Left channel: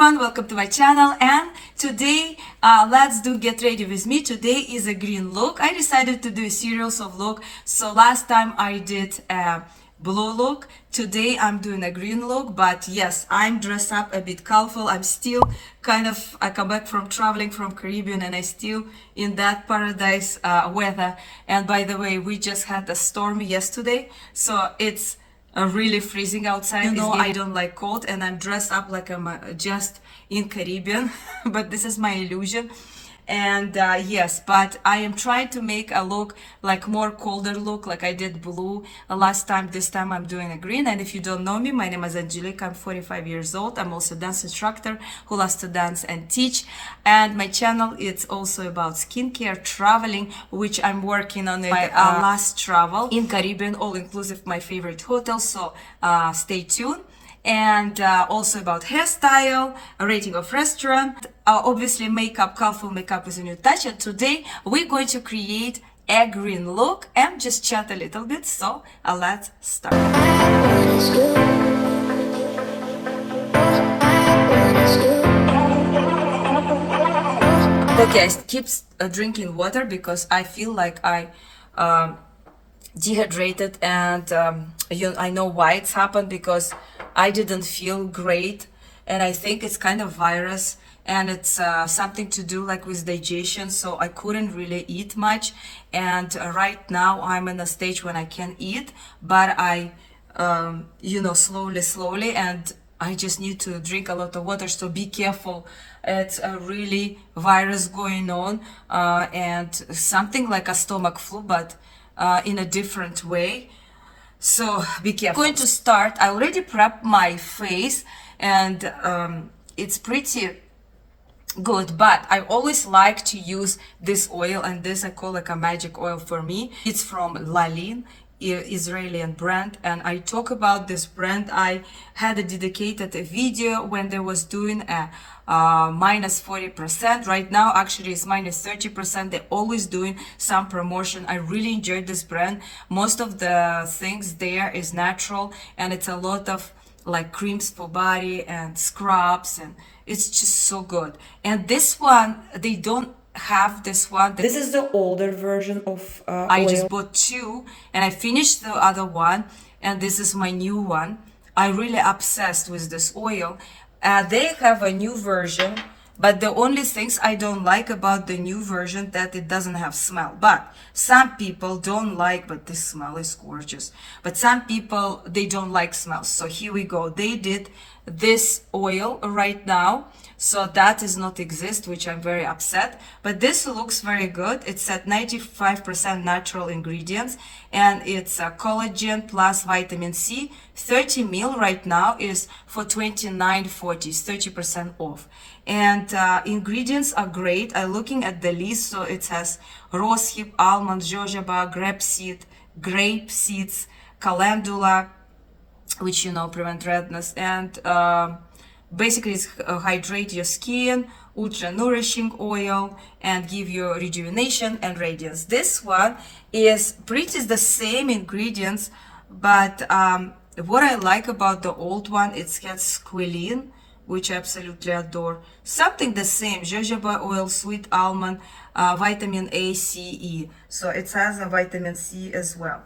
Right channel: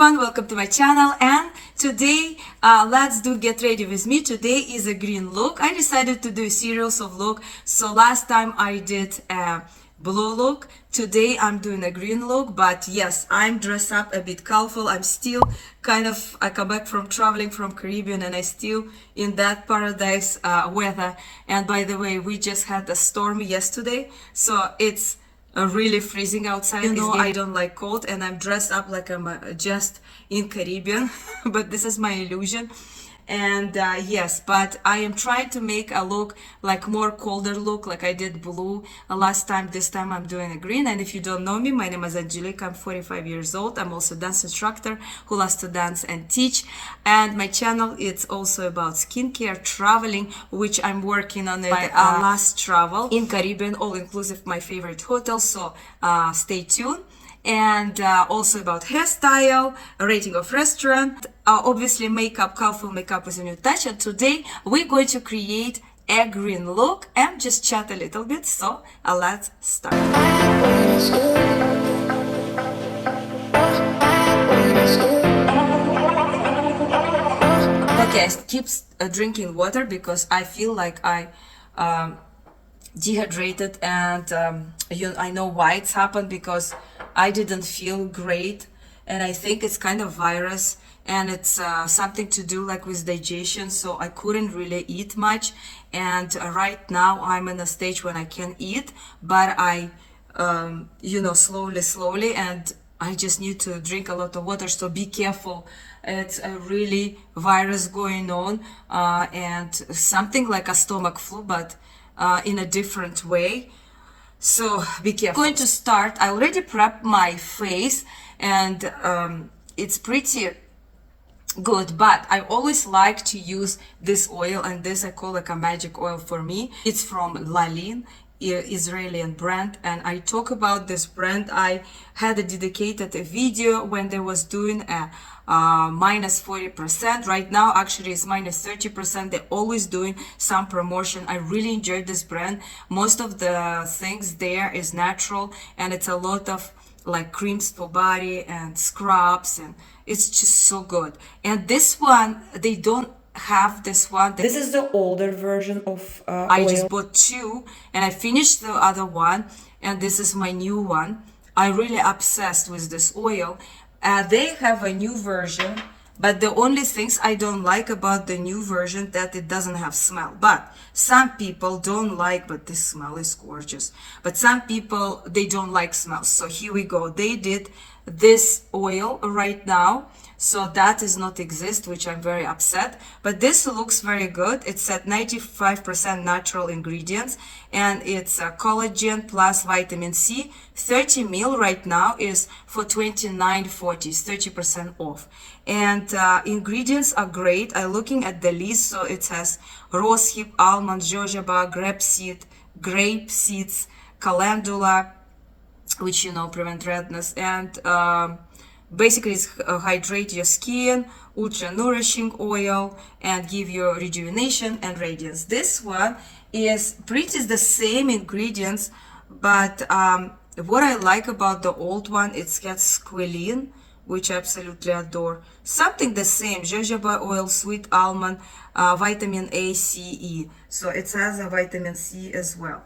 everyone, welcome to my channel. And today let's do get ready with me. Today is a green look. I decided to do a series of look. So last time I did a blue look. Today I'm doing a green look, but yes, I'm dressed up a bit colorful. I'm still I come back from traveling from Caribbean and I still in that paradise weather. And by the way, we just had a storm yesterday, so it's really freezing outside. You know, I don't like cold and I'm dressed up like I'm just in Caribbean, but this is my illusion. And yes, but I am trying to make a look like more colder look, like I did blue last time. This time I'm doing a green. And if you don't know me, my name is Angelica. I'm 45 years old. I'm also a dance instructor who loves to dance and teach. And my channel is also about skincare, traveling, which I'm working on my last travel in Caribbean, all inclusive, my favorite hotel. So stay tuned. And also about hairstyle, a rating of restaurant, obviously makeup, colorful makeup with a new touch. And today we're going to create a green look and just chat a little bit. So let's start. Okay, I keep drinking water because I feel like I dehydrated, and I know why it's happened, because I didn't feel great, and I think it's kind of virus, and it's something to do like with digestion, so I couldn't really eat much. And right now I'm in a stage when I can eat, but I slowly, and I just need to drink a lot of water. So be careful, it's a really virus going on, and something like a stomach flu, but in a different way. So be careful. I'm going to start. I already prepped my face, and it's pretty good, but I always like to use this oil, and this I call like a magic oil for me. It's from Lalin, Israeli brand, and I talk about this brand. I had a dedicated video when they was doing a minus 40%. Right now actually it's minus 30%. They're always doing some promotion. I really enjoyed this brand. Most of the things there is natural, and it's a lot of like creams for body and scrubs, and it's just so good. And this one, they don't have this one. This is the older version of I oil. Just bought two and I finished the other one, and this is my new one. I'm really obsessed with this oil. They have a new version, but the only things I don't like about the new version that it doesn't have smell. But some people don't like, but this smell is gorgeous. But some people, they don't like smells. So here we go. They did this oil right now, so that does not exist, which I'm very upset. But this looks very good. It's at 95% natural ingredients, and it's a collagen plus vitamin C. 30 ml right now is for $29.40, 30% off. And ingredients are great. I'm looking at the list, so it has rosehip, almond, jojoba, grape seeds, calendula, which prevent redness, and basically it's hydrate your skin, ultra nourishing oil, and give you rejuvenation and radiance. This one is pretty the same ingredients, but what I like about the old one, it's got squalene, which I absolutely adore. Something the same, jojoba oil, sweet almond, vitamin A, C, E. So it has a vitamin C as well.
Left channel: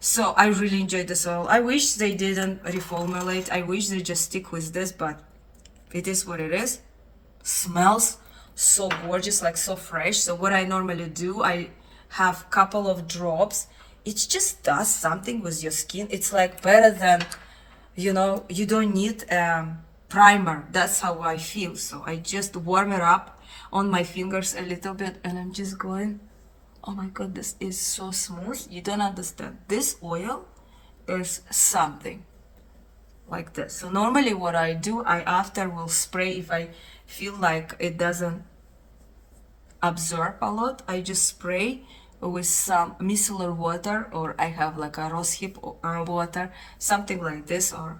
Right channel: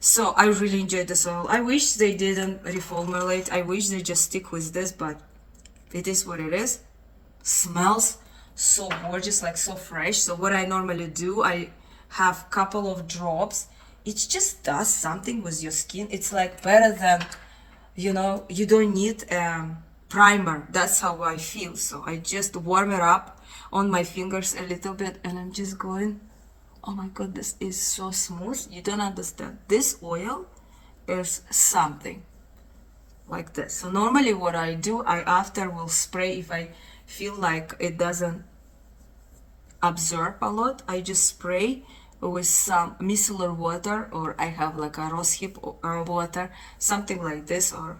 So I really enjoyed this oil. I wish they didn't reformulate. I wish they just stick with this, but it is what it is. Smells so gorgeous, like so fresh. So what I normally do, I have couple of drops. It just does something with your skin. It's like better than, you don't need primer. That's how I feel. So I just warm it up on my fingers a little bit, and I'm just going, oh my god, this is so smooth. You don't understand. This oil is something like this. So normally what I do, I after will spray. If I feel like it doesn't absorb a lot, I just spray with some micellar water, or I have like a rosehip water, something like this, or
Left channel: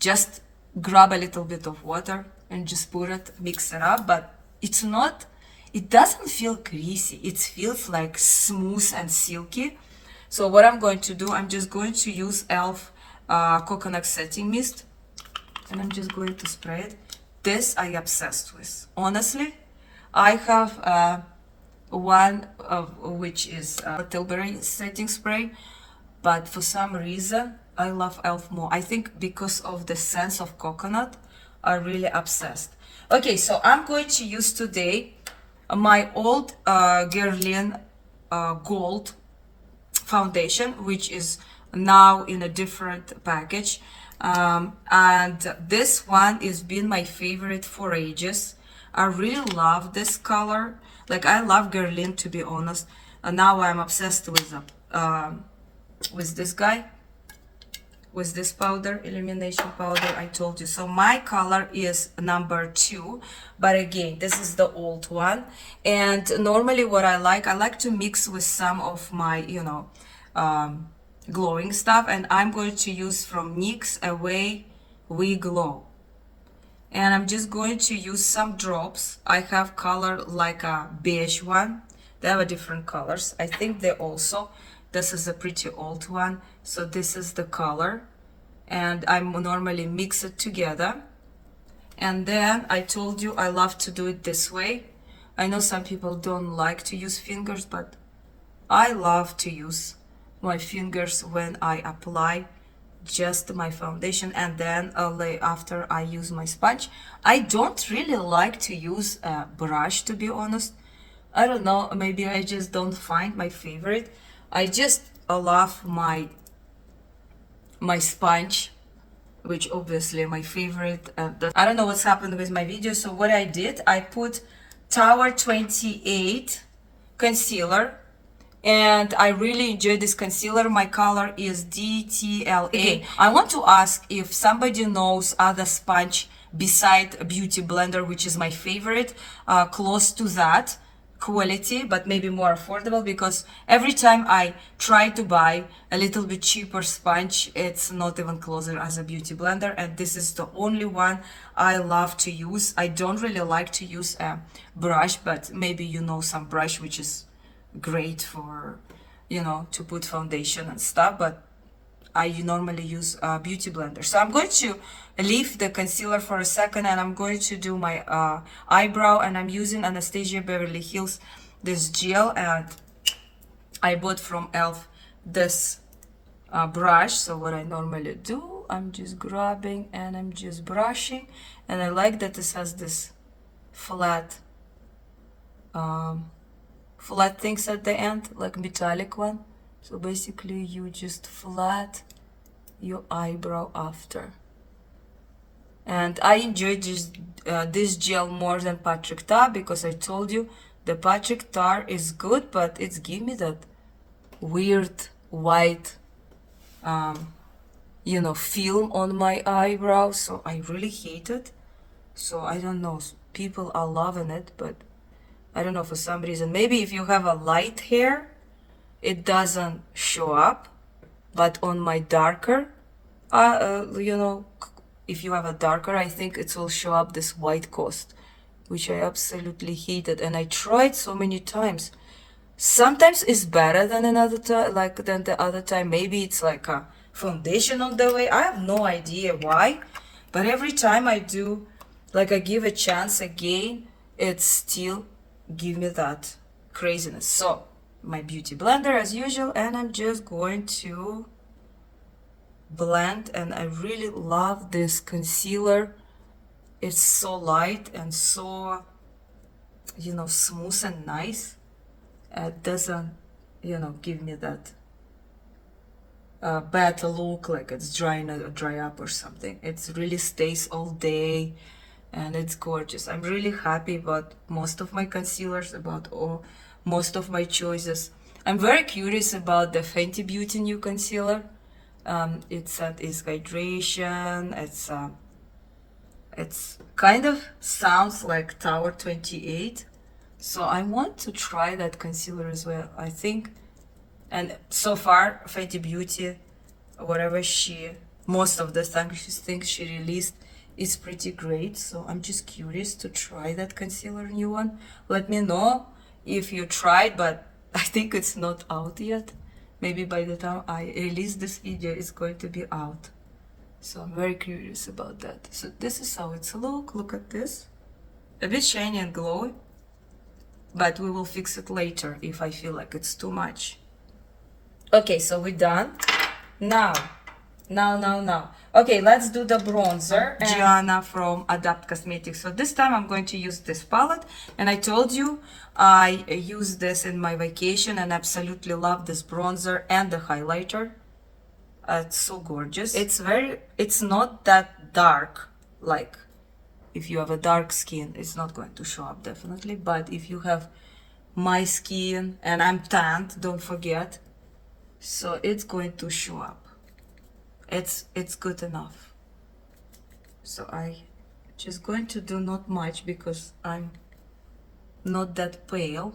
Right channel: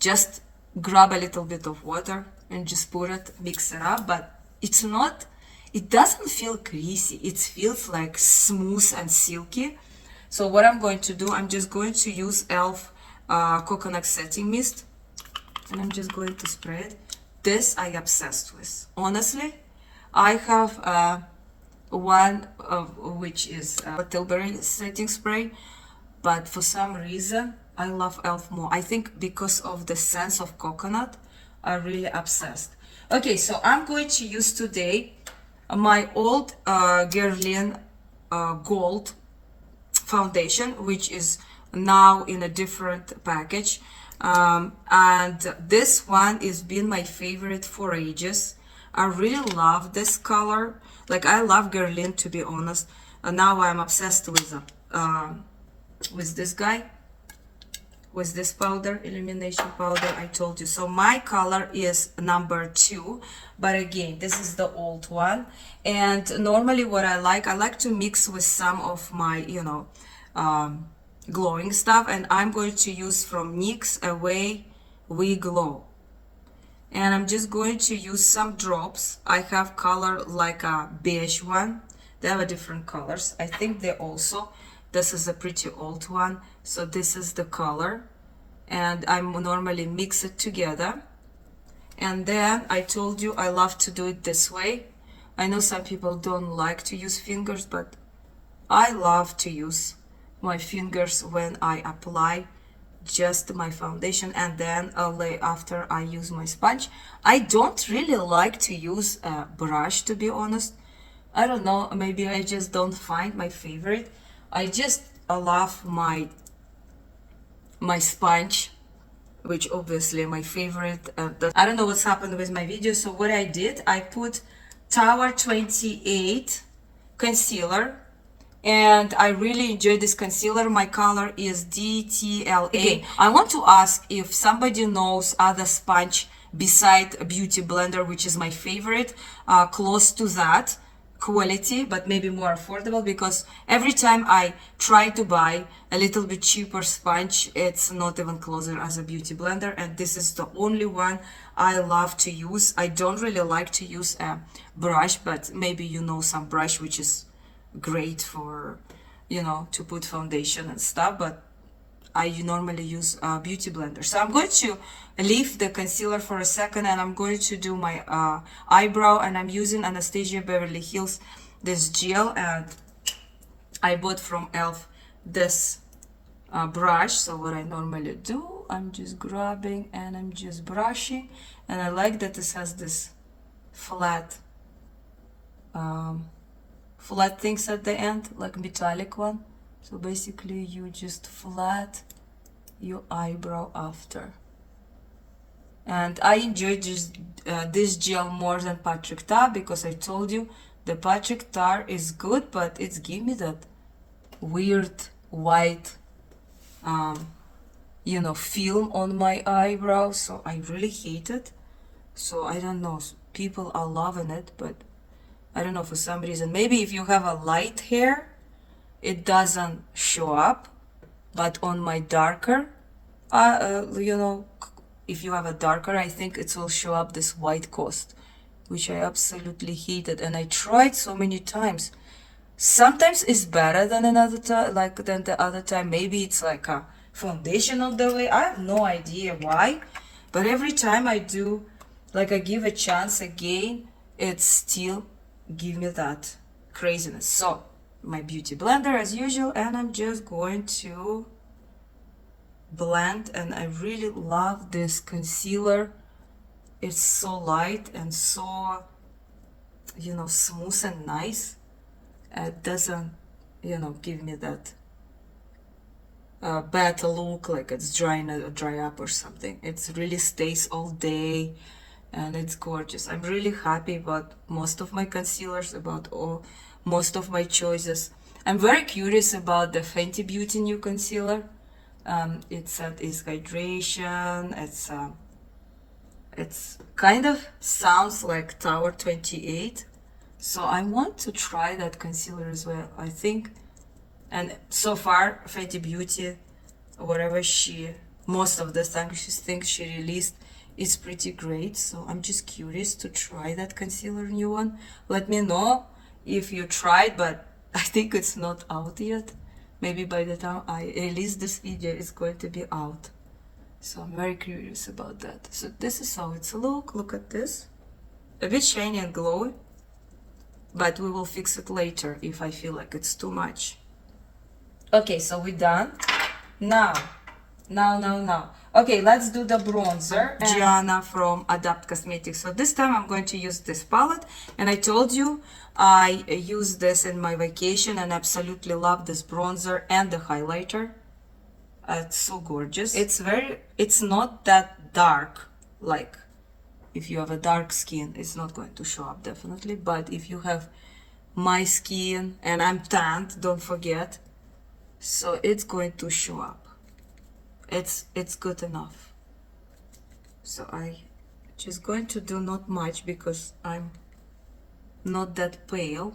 just grab a little bit of water and just put it, mix it up. But it doesn't feel greasy. It feels like smooth and silky. So what I'm going to do, I'm just going to use E.L.F coconut setting mist, and I'm just going to spray it. this I obsessed with. Honestly, I have one which is Tilbury setting spray, but for some reason I love E.L.F more. I think because of the sense of coconut, I'm really obsessed. Okay, so I'm going to use today my old Guerlain Gold foundation, which is now in a different package, and this one has been my favorite for ages. I really love this color. Like, I love Guerlain, to be honest, and now I'm obsessed with this guy, with this powder, illumination powder I told you. So my color is number 2, but again, this is the old one. And normally what I like to mix with some of my, you know, glowing stuff, and I'm going to use from NYX Away We Glow. And I'm just going to use some drops. I have color like a beige one. They have a different colors. I think they also, this is a pretty old one, so this is the color, and I normally mix it together. And then I told you I love to do it this way. I know some people don't like to use fingers, but I love to use my fingers when I apply just my foundation, and then after I use my sponge. I don't really like to use a brush, to be honest. I don't know, maybe I just don't find my favorite. I just love my sponge, which obviously my favorite. I don't know what's happened with my video. So what I did, I put Tower 28 concealer, and I really enjoy this concealer. My color is DTLA. Okay. I want to ask if somebody knows other sponge beside Beauty Blender, which is my favorite, close to that quality, but maybe more affordable, because every time I try to buy a little bit cheaper sponge, it's not even closer as a Beauty Blender, and this is the only one I love to use. I don't really like to use a brush, but maybe you know some brush which is great for, you know, to put foundation and stuff, but I normally use a Beauty Blender. So I'm going to leave the concealer for a second, and I'm going to do my eyebrow, and I'm using Anastasia Beverly Hills this gel, and I bought from E.L.F this brush. So what I normally do, I'm just grabbing and I'm just brushing, and I like that this has this flat flat things at the end, like metallic one. So basically you just flat your eyebrow after. And I enjoy this gel more than Patrick Tar, because I told you the Patrick Tar is good, but it's give me that weird white you know, film on my eyebrow, so I really hate it. So I don't know, people are loving it, but I don't know, for some reason. Maybe if you have a light hair, it doesn't show up, but on my darker, you know, if you have a darker, I think it will show up this white cast, which I absolutely hated, and I tried so many times. Sometimes it's better than another time, like than the other time. Maybe it's like a foundation on the way. I have no idea why, but every time I do, like I give a chance again, it's still give me that craziness. So my Beauty Blender as usual, and I'm just going to blend, and I really love this concealer. It's so light and so, you know, smooth and nice. It doesn't, you know, give me that bad look like it's dry up or something. It really stays all day, and it's gorgeous. I'm really happy about most of my concealers, about most of my choices. I'm very curious about the Fenty Beauty new concealer. It's hydration. It's kind of sounds like Tower 28. So I want to try that concealer as well, I think. And so far, Fenty Beauty, whatever most of the things she released is pretty great. So I'm just curious to try that concealer new one. Let me know if you tried, but I think it's not out yet. Maybe by the time I release this video, it's going to be out. So I'm very curious about that. So this is how it's look at this. A bit shiny and glowy, but we will fix it later if I feel like it's too much. Okay, so we're done. Now. Okay, let's do the bronzer. Gianna from Adapt Cosmetics. So this time I'm going to use this palette. And I told you I used this in my vacation and absolutely love this bronzer and the highlighter. It's so gorgeous. It's not that dark. Like, if you have a dark skin, it's not going to show up definitely. But if you have my skin and I'm tanned, don't forget. So it's going to show up. It's good enough. So I just going to do not much because I'm not that pale.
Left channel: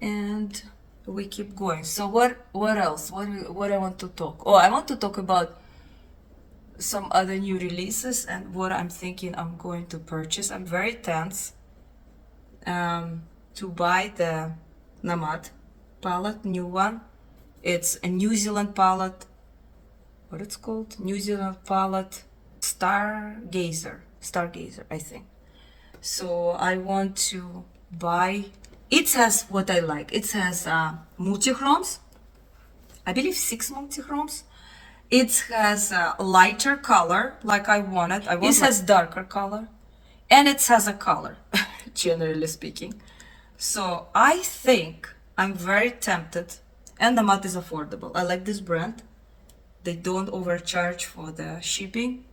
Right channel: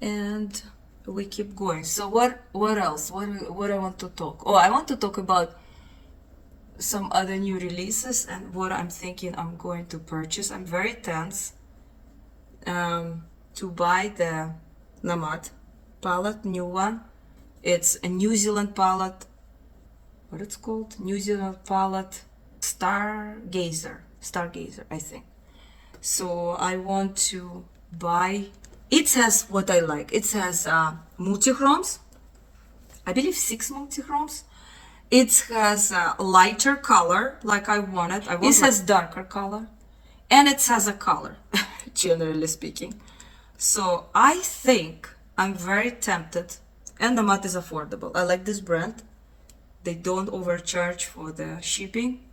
And we keep going. So what else? What I want to talk? Oh, I want to talk about some other new releases and what I'm thinking I'm going to purchase. I'm very tense to buy the Namad palette, new one. It's a New Zealand palette. What it's called? New Zealand palette Stargazer, I think. So I want to buy. It has what I like. It has multi-chromes. I believe 6 multi-chromes. It has a lighter color like I wanted. It has darker color. And it has a color, generally speaking. So I think I'm very tempted. And the matte is affordable. I like this brand. They don't overcharge for the shipping.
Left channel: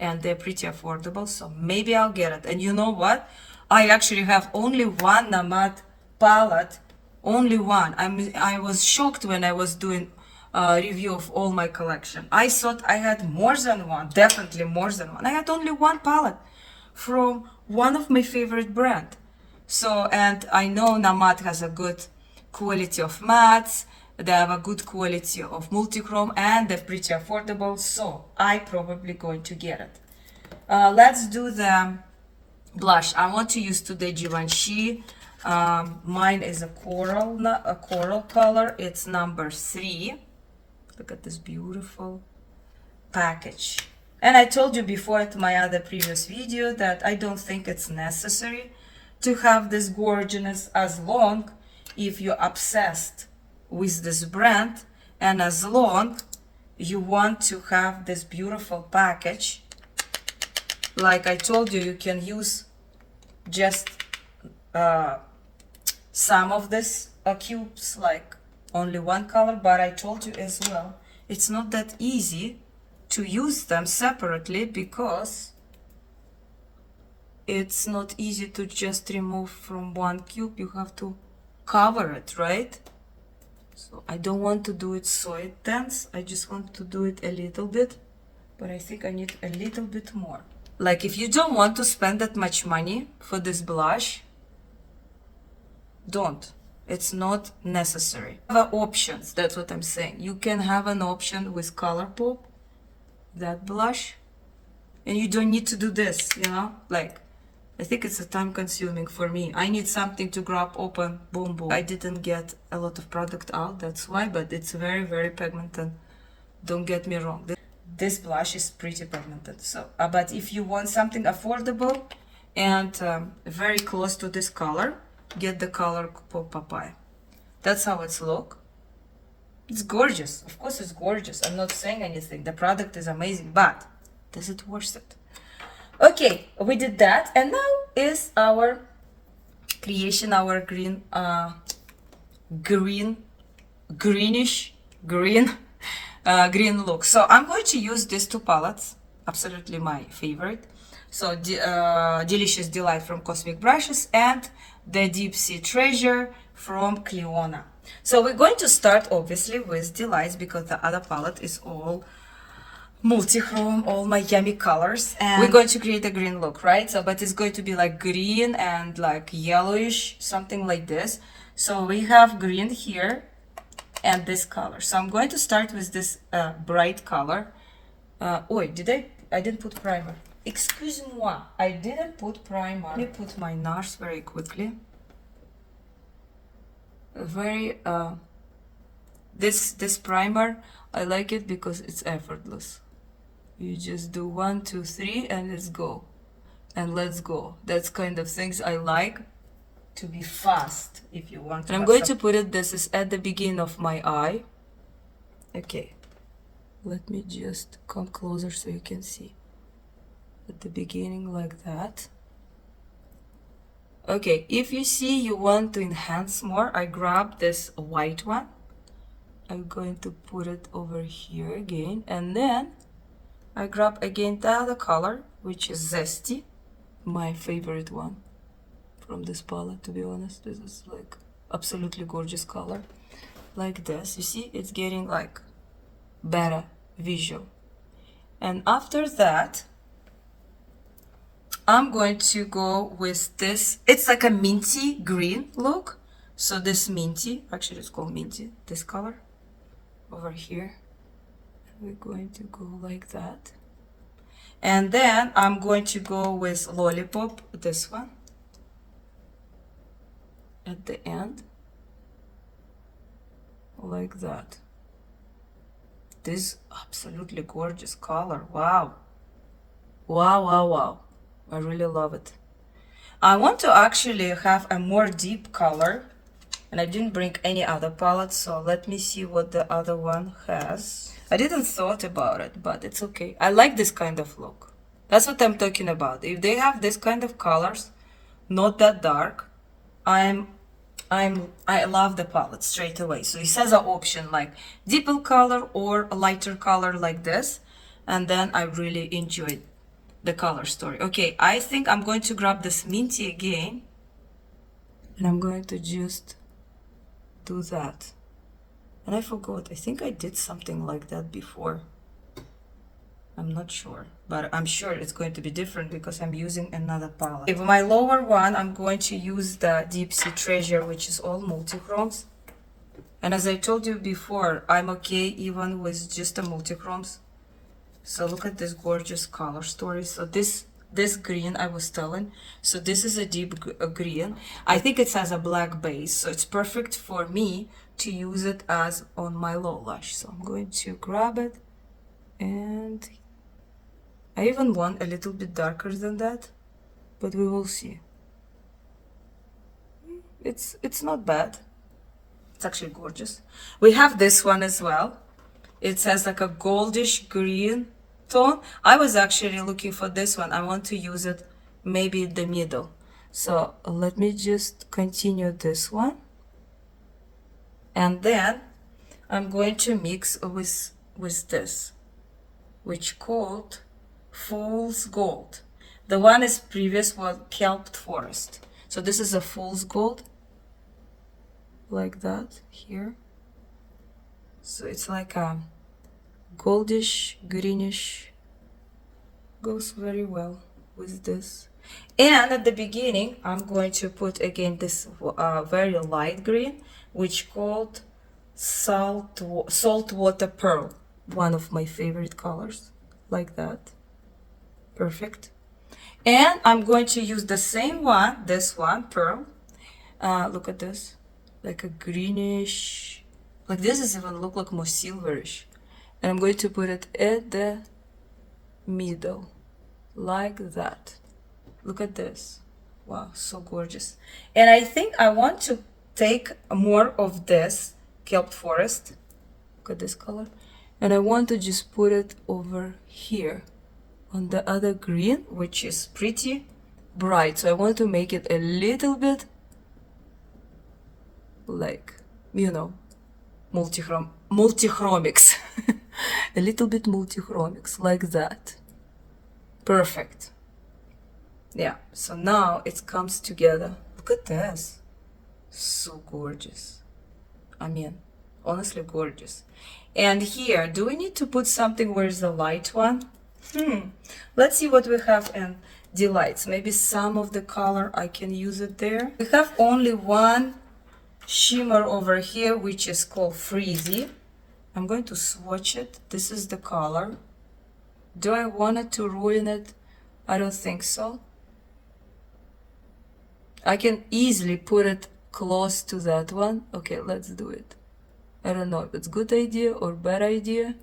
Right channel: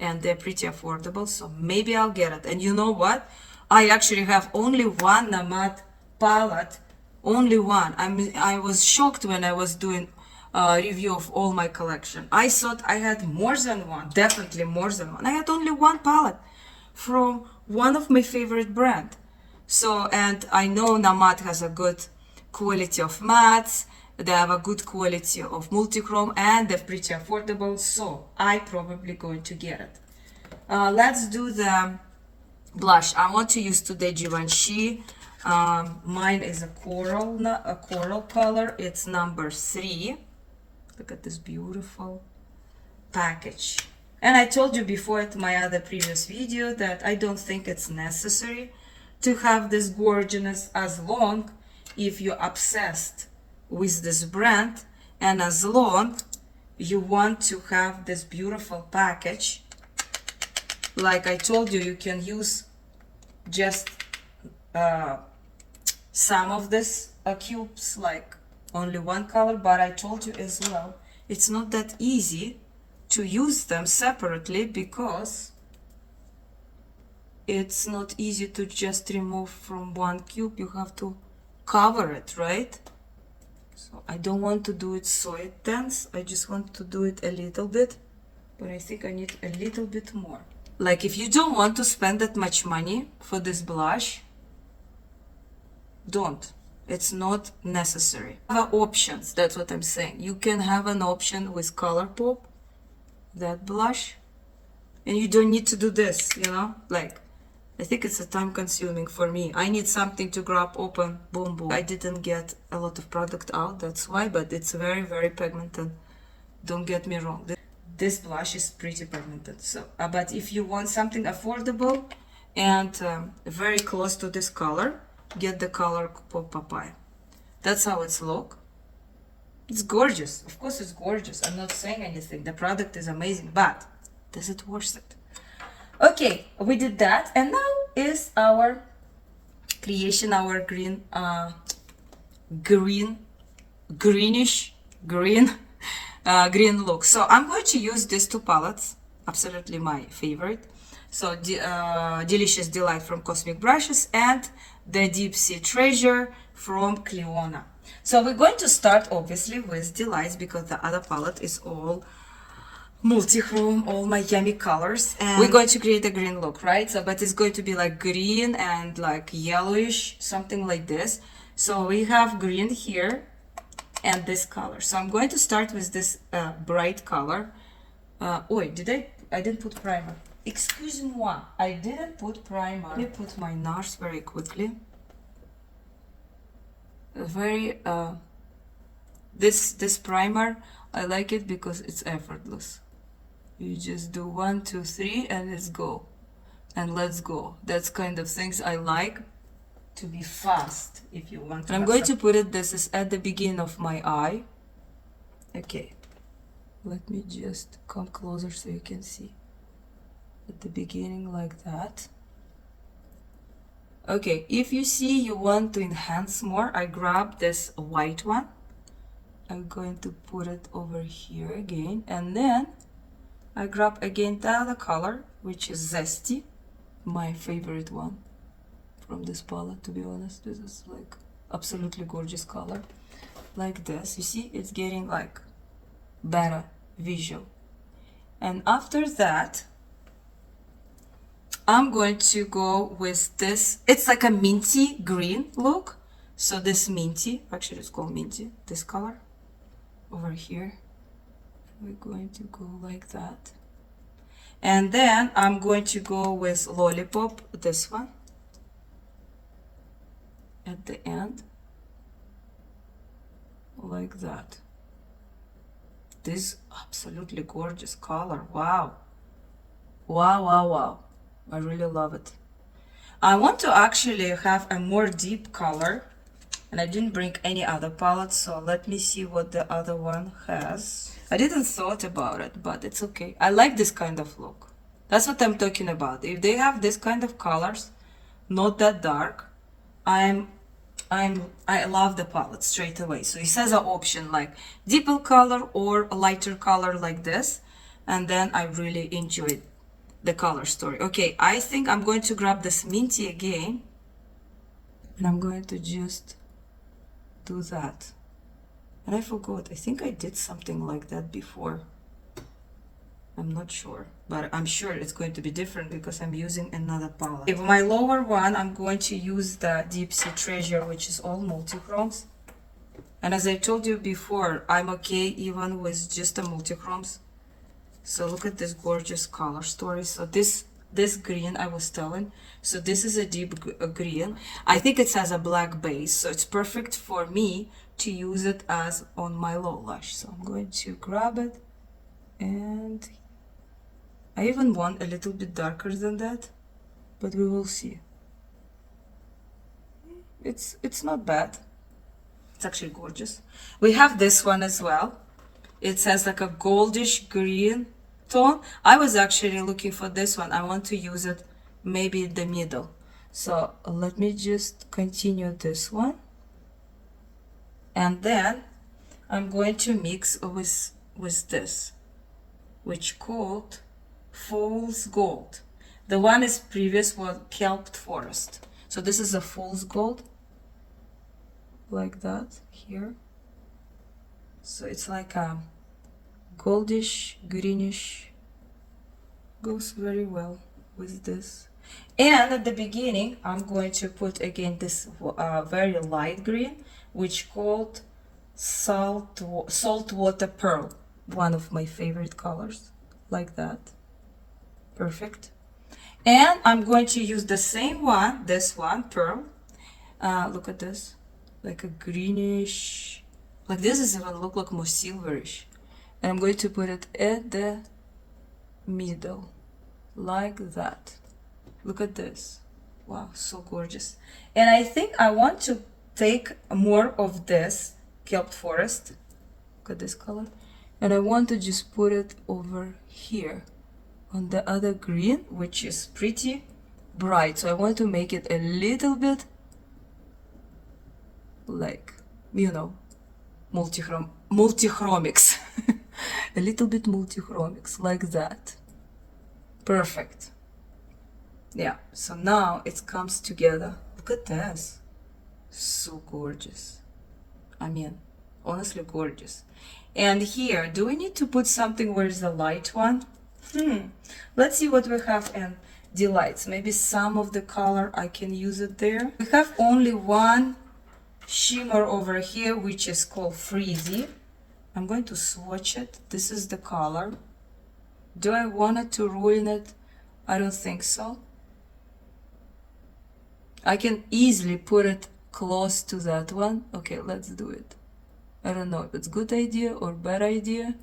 And they're pretty affordable. So maybe I'll get it. And you know what? I actually have only one Namad palette. Only one. I was shocked when I was doing a review of all my collection. I thought I had more than one. Definitely more than one. I had only one palette from one of my favorite brand. So, and I know Namad has a good quality of mattes. They have a good quality of multi-chrome and they're pretty affordable. So I probably going to get it. Let's do the blush. I want to use today Givenchy. Mine is a coral color. It's number 3. Look at this beautiful package. And I told you before at my other previous video that I don't think it's necessary to have this gorgeousness as long if you're obsessed with this brand and as long you want to have this beautiful package. Like I told you, you can use just some of this cubes, like only one color, but I told you as well, it's not that easy to use them separately because it's not easy to just remove from one cube. You have to cover it, right? So I don't want to do it so intense. I just want to do it a little bit, but I think I need a little bit more. Like if you don't want to spend that much money for this blush, don't. It's not necessary. Have options, that's what I'm saying. You can have an option with ColourPop, that blush, and you don't need to do this, you know? Like, I think it's a time consuming for me. I need something to grab, open, boom, boom. I didn't get a lot of product out, that's why, but it's very, very pigmented. Don't get me wrong. This blush is pretty pigmented. So, but if you want something affordable and very close to this color, get the ColourPop Papaya. That's how it's look. It's gorgeous. Of course it's gorgeous. I'm not saying anything. The product is amazing, but does it worth it? Okay, we did that, and now is our creation, our green look. So I'm going to use these 2 palettes, absolutely my favorite. So Delicious Delight from Cosmic Brushes and the Deep Sea Treasure from Cliona. So we're going to start obviously with Delights because the other palette is all multi-chrome, all my yummy colors, and we're going to create a green look, right? So but it's going to be like green and like yellowish, something like this. So we have green here and this color. So I'm going to start with this bright color. I didn't put primer. Excuse-moi, I didn't put primer. Let me put my NARS very quickly. A very This primer, I like it because it's effortless. You just do 1, 2, 3 and let's go. And let's go. That's kind of things I like, to be fast if you want to. And I'm going to put it, this is at the beginning of my eye. Okay. Let me just come closer so you can see. At the beginning like that. Okay, if you see you want to enhance more, I grab this white one. I'm going to put it over here again, and then I grab again the other color, which is Zesty, my favorite one from this palette, to be honest. This is like absolutely gorgeous color. Like this, you see, it's getting like better visual. And after that, I'm going to go with this. It's like a minty green look. So this minty, actually it's called minty, this color over here. We're going to go like that. And then I'm going to go with Lollipop, this one, at the end, like that. This absolutely gorgeous color. Wow. Wow, wow, wow. I really love it. I want to actually have a more deep color, and I didn't bring any other palette, so let me see what the other one has. I didn't thought about it, but it's okay. I like this kind of look. That's what I'm talking about. If they have this kind of colors, not that dark, I love the palette straight away. So it says an option like deeper color or a lighter color like this, and then I really enjoyed the color story. Okay, I think I'm going to grab this minty again, and I'm going to just do that. And I forgot, I think I did something like that before. I'm not sure, but I'm sure it's going to be different because I'm using another palette. Okay, my lower one, I'm going to use the Deep Sea Treasure, which is all multichromes. And as I told you before, I'm okay even with just the multichromes. So look at this gorgeous color story. So this green I was telling, so this is a deep green. I think it has a black base, so it's perfect for me to use it as on my low lash. So I'm going to grab it, and I even want a little bit darker than that, but we will see. It's not bad. It's actually gorgeous. We have this one as well. It has like a goldish green tone. I was actually looking for this one. I want to use it maybe in the middle. So let me just continue this one. And then I'm going to mix with this, which called Fool's Gold. The one is previous was Kelp Forest. So this is a Fool's Gold, like that here. So it's like a goldish, greenish, goes very well with this. And at the beginning, I'm going to put again this very light green, which called Saltwater Pearl, one of my favorite colors, like that. Perfect. And I'm going to use the same one, this one, Pearl. Look at this, like a greenish, like this is even look like more silverish. And I'm going to put it at the middle, like that. Look at this. Wow, so gorgeous. And I think I want to take more of this Kelp Forest. Look at this color. And I want to just put it over here on the other green, which is pretty bright. So I want to make it a little bit like, you know, multichromics. A little bit multichromics, like that. Perfect. Yeah, so now it comes together. Look at this. So gorgeous. I mean, honestly gorgeous. And here, do we need to put something? Where's the light one? Let's see what we have in Delights. Maybe some of the color I can use it there. We have only one shimmer over here, which is called Freezy. I'm going to swatch it. This is the color. Do I want it to ruin it? I don't think so. I can easily put it close to that one. Okay, let's do it. I don't know if it's good idea or bad idea.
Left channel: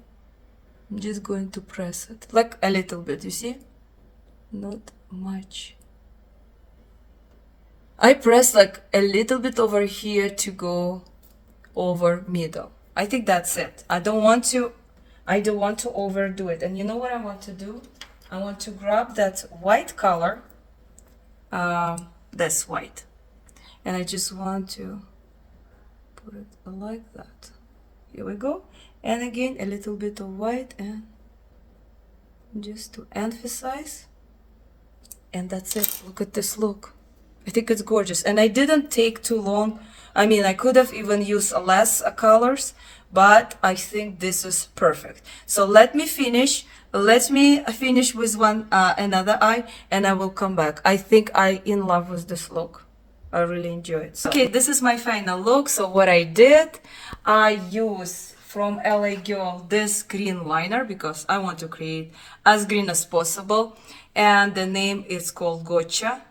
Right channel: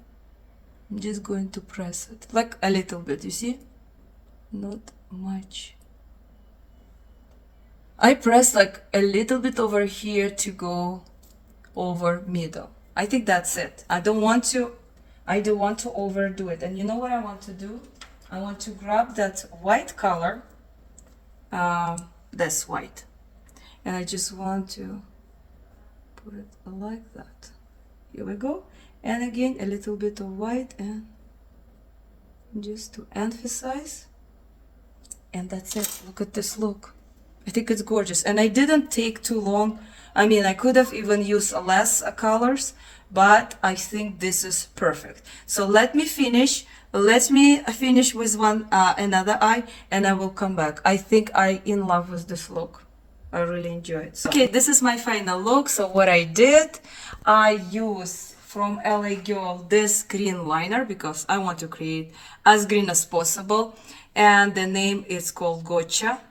I'm just going to press it like a little bit, you see, not much. I press like a little bit over here to go over middle. I think that's it. I don't want to overdo it. And you know what I want to do? I want to grab that white color, that's white, and I just want to put it like that. Here we go. And again, a little bit of white, and just to emphasize. And that's it. Look at this look. I think it's gorgeous. And I didn't take too long. I mean, I could have even used less colors, but I think this is perfect. So let me finish. Let me finish with another eye, and I will come back. I think I'm in love with this look. I really enjoy it. So, okay, this is my final look. So what I did, I use from LA Girl this green liner because I want to create as green as possible, and the name is called Gotcha.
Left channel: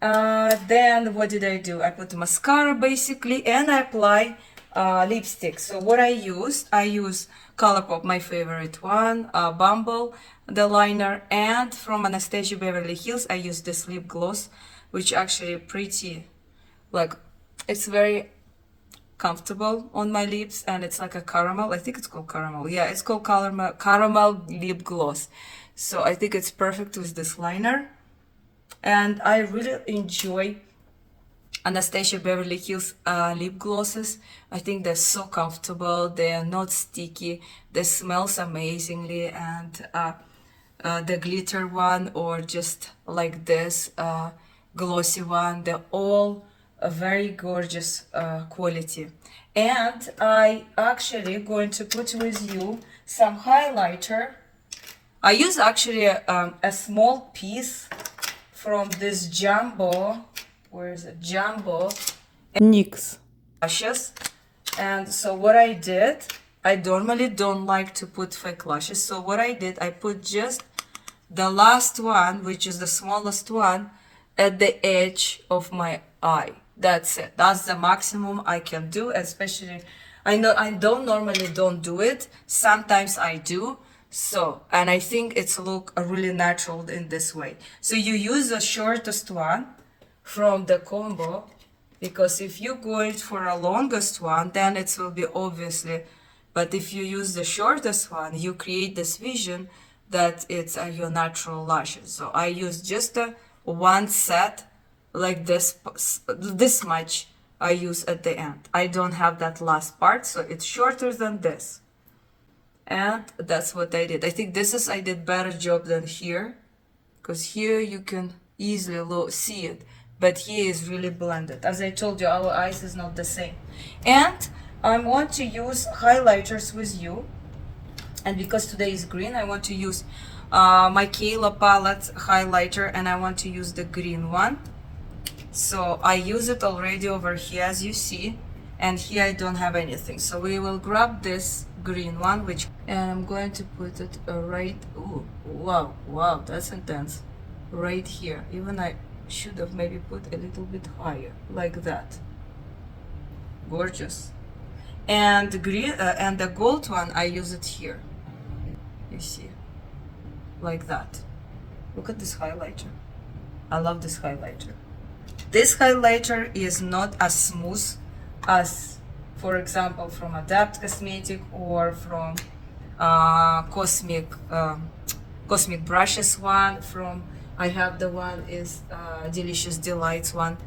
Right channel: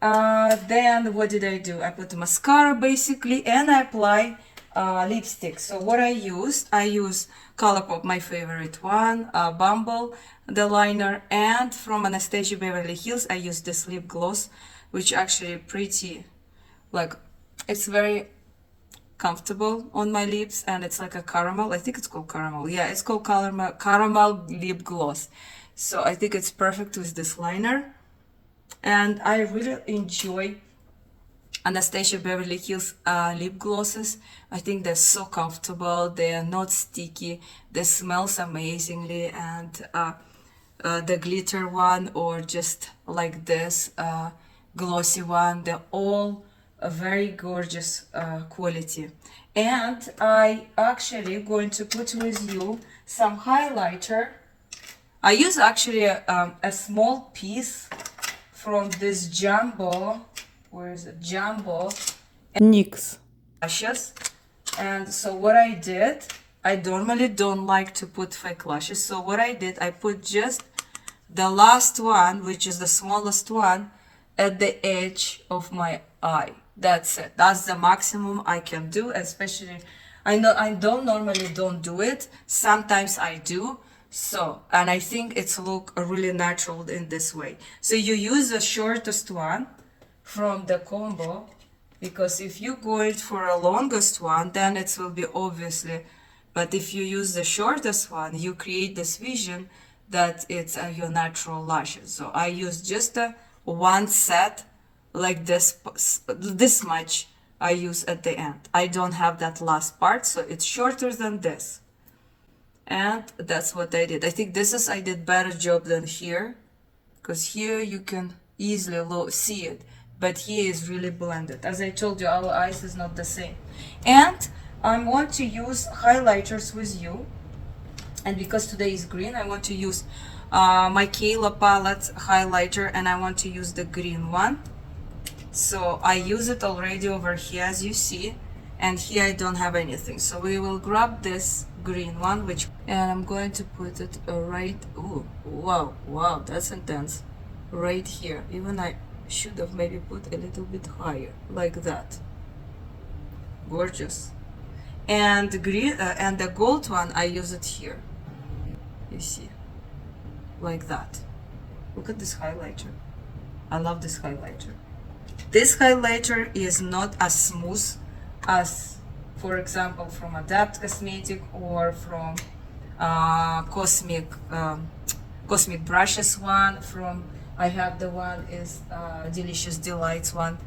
Then what did I do? I put the mascara basically, and I apply lipstick. So what I use ColourPop, my favorite one, Bumble, the liner, and from Anastasia Beverly Hills I use this lip gloss, which actually pretty, like, it's very comfortable on my lips, and it's like a caramel. I think it's called caramel. Yeah, it's called caramel lip gloss. So I think it's perfect with this liner. And I really enjoy Anastasia Beverly Hills lip glosses. I think they're so comfortable. They are not sticky. They smells amazingly. And the glitter one, or just like this glossy one, they're all a very gorgeous quality. And I actually going to put with you some highlighter. I use actually a small piece from this jumbo, where is it? Jumbo NYX lashes. And so what I did, I normally don't like to put fake lashes. So what I did, I put just the last one, which is the smallest one, at the edge of my eye. That's it. That's the maximum I can do, especially, I know I normally don't do it. Sometimes I do. So, and I think it's look really natural in this way. So you use the shortest one from the combo, because if you go it for a longest one, then it will be obviously, but if you use the shortest one, you create this vision that it's your natural lashes. So I use just one set like this much I use at the end. I don't have that last part, so it's shorter than this. And that's what I did. I think I did better job than here, because here you can easily see it, but here is really blended. As I told you, our eyes is not the same. And I'm going to use highlighters with you, and because today is green, I want to use my Kayla palette highlighter, and I want to use the green one. So I use it already over here, as you see, and here I don't have anything. So we will grab this green one, and I'm going to put it right, ooh, wow, that's intense, right here. Even I should have maybe put a little bit higher, like that. Gorgeous. And the green and the gold one, I use it here, you see, like that. Look at this highlighter. I love this highlighter. This highlighter is not as smooth as, for example, from Adapt Cosmetic or from Cosmic Brushes one. From I have the one is Delicious Delights one,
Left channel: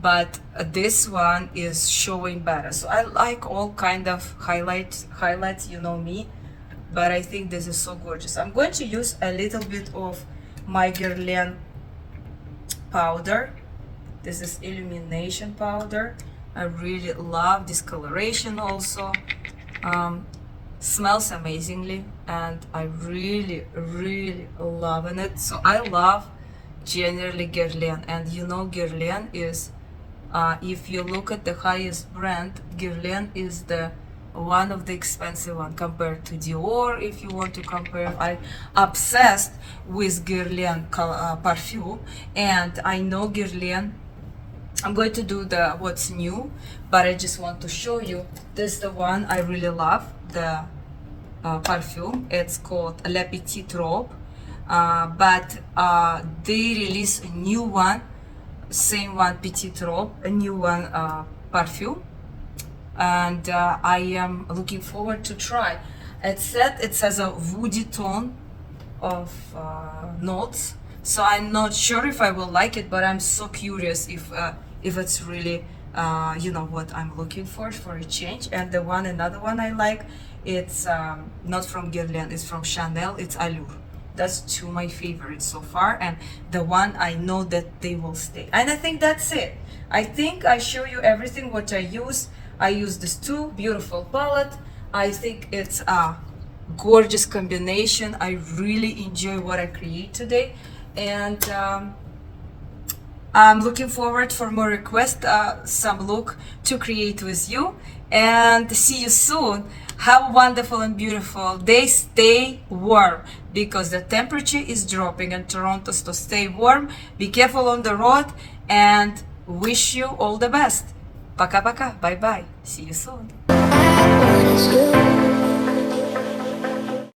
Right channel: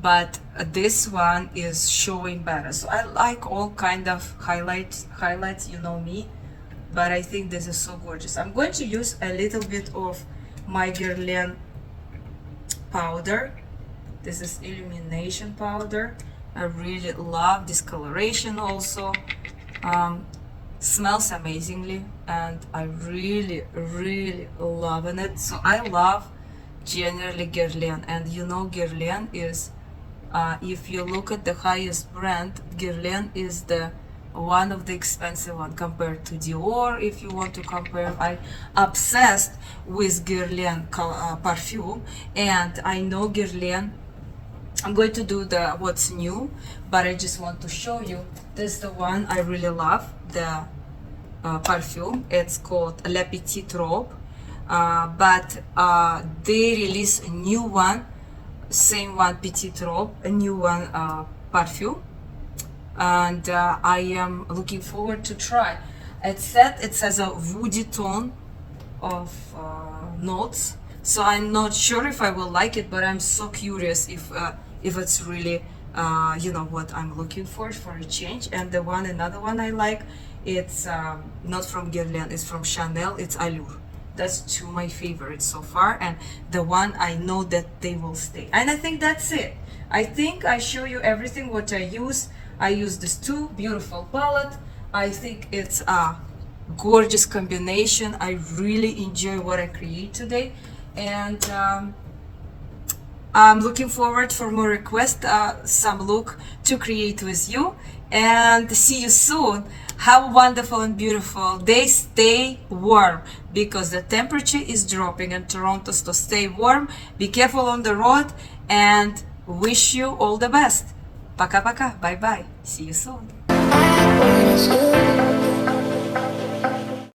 but this one is showing better. So I like all kind of highlights, you know me, but I think this is so gorgeous. I'm going to use a little bit of my Guerlain powder. This is illumination powder. I really love discoloration also. Smells amazingly, and I really loving it. So I love generally Guerlain, and you know Guerlain is, if you look at the highest brand, Guerlain is the one of the expensive one compared to Dior. If you want to compare, I'm obsessed with Guerlain perfume, and I know Guerlain I'm going to do the what's new, but I just want to show you. This is the one I really love, the perfume. It's called Le Petit Robe, but they release a new one, same one, Petit Robe, a new one, perfume, and I am looking forward to try. It has a woody tone of notes, so I'm not sure if I will like it, but I'm so curious if it's really you know what I'm looking for a change. And another one I like, it's not from Guerlain, it's from Chanel, it's Allure. That's two of my favorites so far, and the one I know that they will stay. And I think that's it. I think I show you everything what I use. I use this two beautiful palette. I think it's a gorgeous combination. I really enjoy what I create today, and I'm looking forward for more requests, some look to create with you, and see you soon. Have a wonderful and beautiful day. Stay warm because the temperature is dropping in Toronto, so stay warm, be careful on the road, and wish you all the best. Пока-пока, bye-bye, see you soon.